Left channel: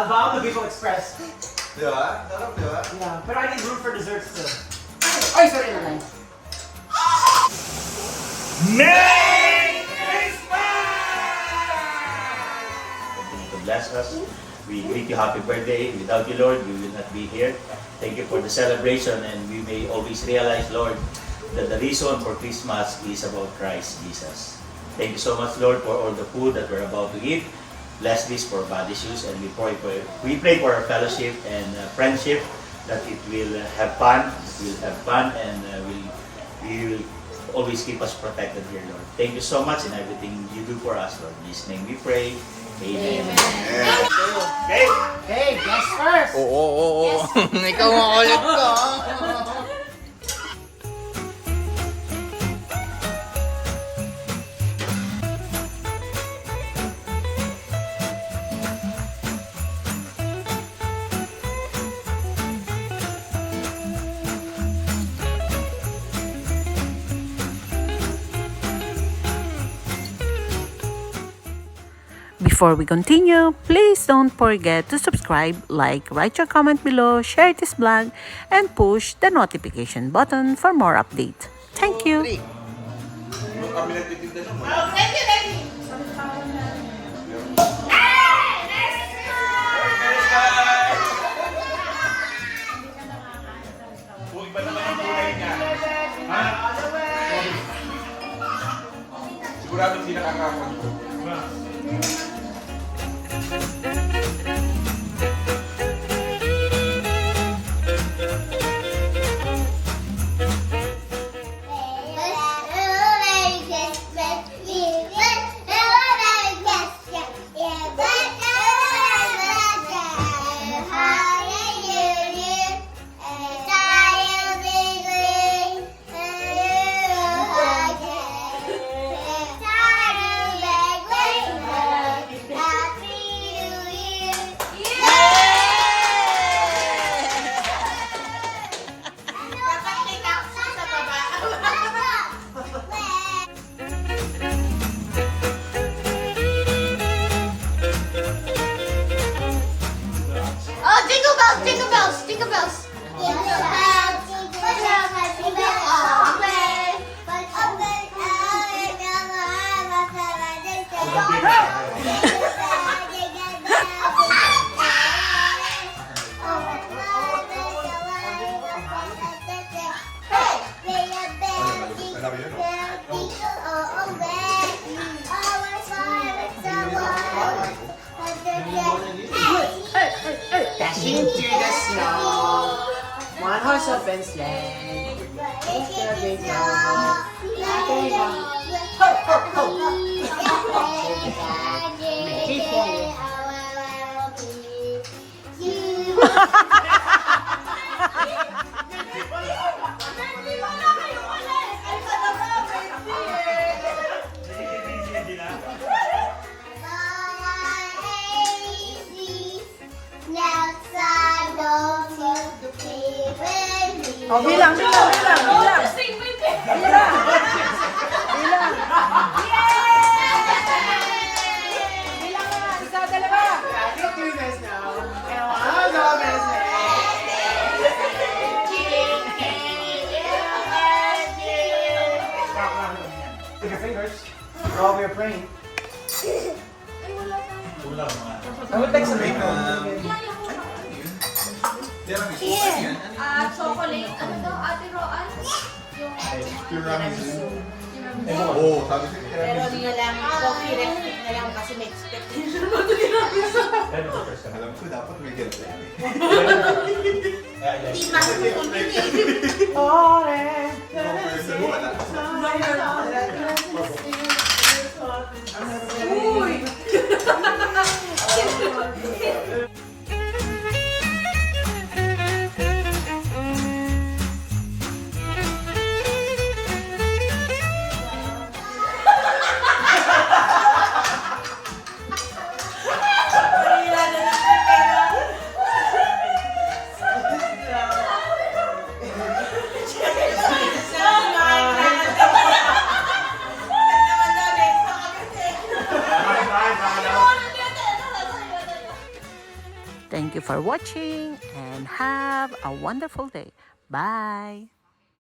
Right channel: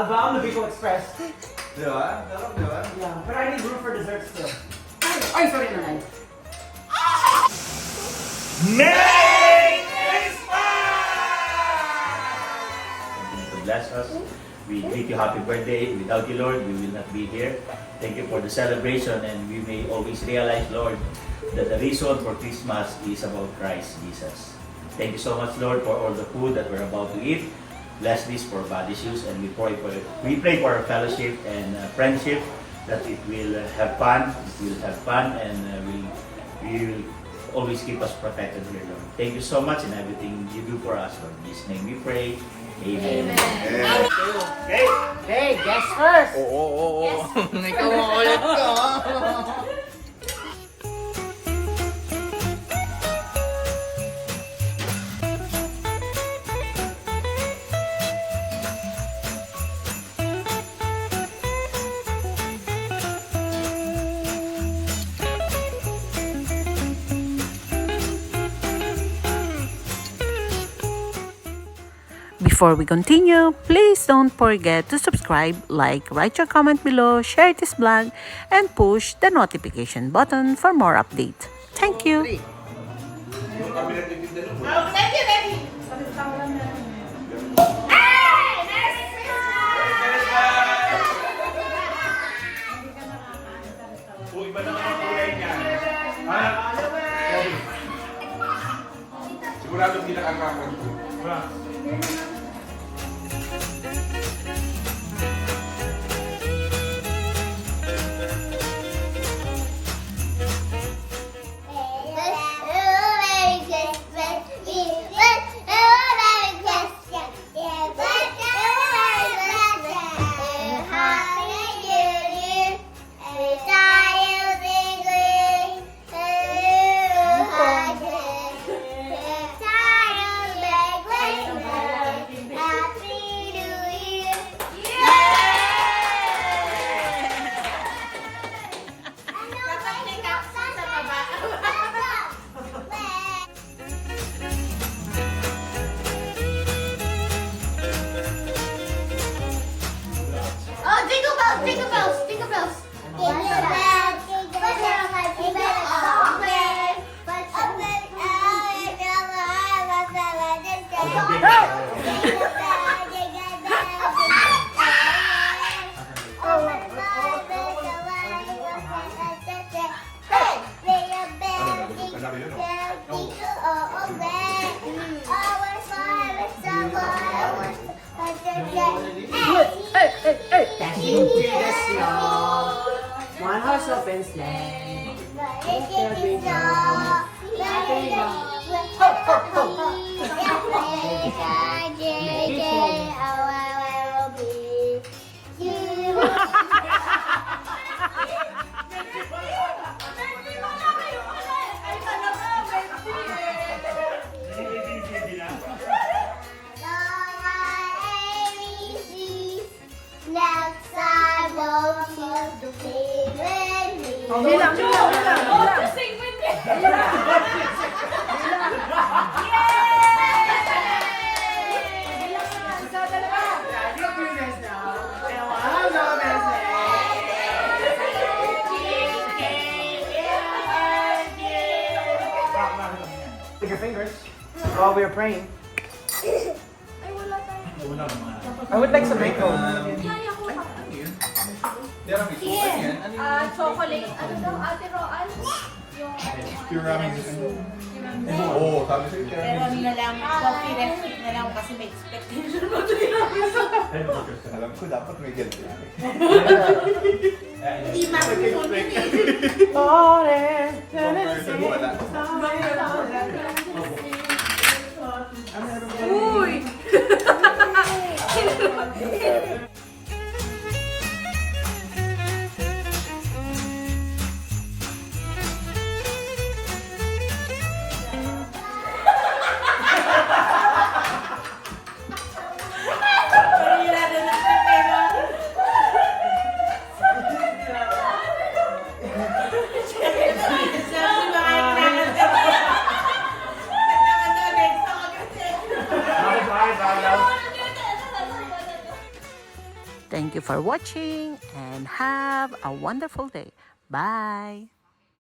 Abang, Lubico Express. Diba? Sarap, diba? Yeah, but I need room for desserts still. Ay, sorry naman. Merry Christmas! Continue to bless us. We greet you happy birthday. Without you, Lord, we will not be here. Thank you for the celebration, and we may always realize, Lord, that the reason for Christmas is about Christ Jesus. Thank you so much, Lord, for all the food that we're about to eat. Bless this for body shoes, and we pray for our fellowship and friendship, that it will have fun, and we will always keep us protected here, Lord. Thank you so much in everything you do for us, Lord. In His name we pray. Amen. Yeah. Okay. Hey, guess first! Oo. Ikaw makulit ko. Before we continue, please don't forget to subscribe, like, write your comment below, share this vlog, and push the notification button for more updates. Thank you! Thank you, baby! Iba naman ang kulay niya. Ha? Sigurado hindi nakakakon ko. Dashing to the snow. One horse open sleigh. Ho, ho, ho. Bilang. Sing with me. With your fingers. While we are praying. I would like some mango. Chocolate. Ano daw, Ate Roan? Yung Oo, sabi sa'yo. pero na lang, coffee recipe na lang kasi may expectation mo Alam ko, dapat may ganito. Hindi makikita Uy! Thank you for watching and have a wonderful day. Bye!